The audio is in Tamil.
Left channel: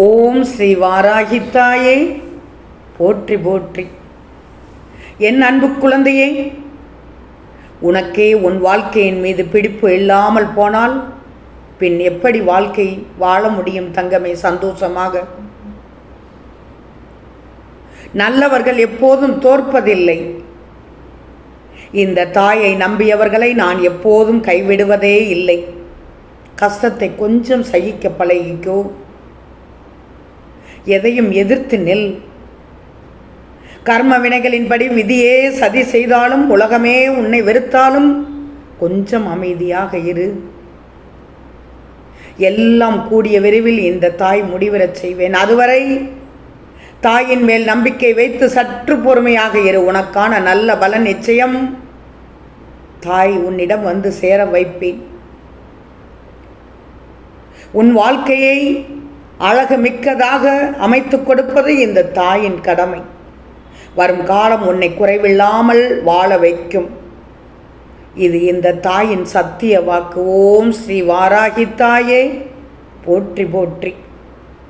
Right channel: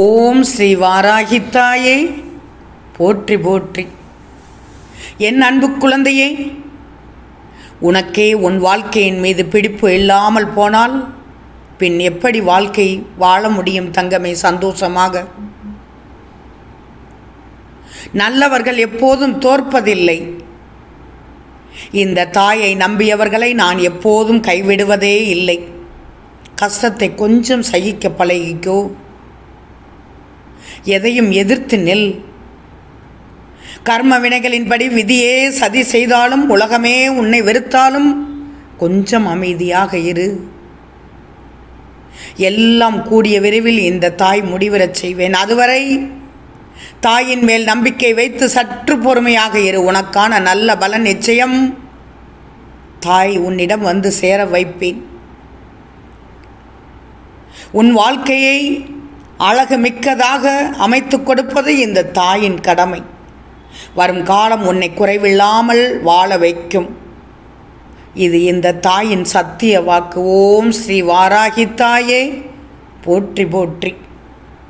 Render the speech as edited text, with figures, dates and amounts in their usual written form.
ஓம் ஸ்ரீ வாராகித்தாயே போற்றி போற்றி. என் அன்பு குழந்தையே, உனக்கே உன் வாழ்க்கையின் மீது பிடிப்பு இல்லாமல் போனால் பின் எப்படி வாழ்க்கை வாழ முடியும் தங்கமே சந்தோஷமாக? நல்லவர்கள் எப்போதும் தோற்பதில்லை. இந்த தாயை நம்பியவர்களை நான் எப்போதும் கைவிடுவதே இல்லை. கஷ்டத்தை கொஞ்சம் சகிக்க பழகிக்கோ. எதையும் எதிர்த்து நில். கர்ம வினைகளின்படி விதியே சதி செய்தாலும் உலகமே உன்னை வெறுத்தாலும் கொஞ்சம் அமைதியாக இரு. எல்லாம் கூடிய விரைவில் இந்த தாய் முடிவரச் செய்வேன். அதுவரை தாயின் மேல் நம்பிக்கை வைத்து சற்று பொறுமையாக இரு. உனக்கான நல்ல பலன் நிச்சயம் தாய் உன்னிடம் வந்து சேர வைப்பேன். உன் வாழ்க்கையை அழகு மிக்கதாக அமைத்து கொடுப்பது இந்த தாயின் கடமை. வரும் காலம் உன்னை குறைவில்லாமல் வாழ வைக்கும். இது இந்த தாயின் சத்திய வாக்கு. ஓம் ஸ்ரீ வாராகித்தாயே போற்றி போற்றி.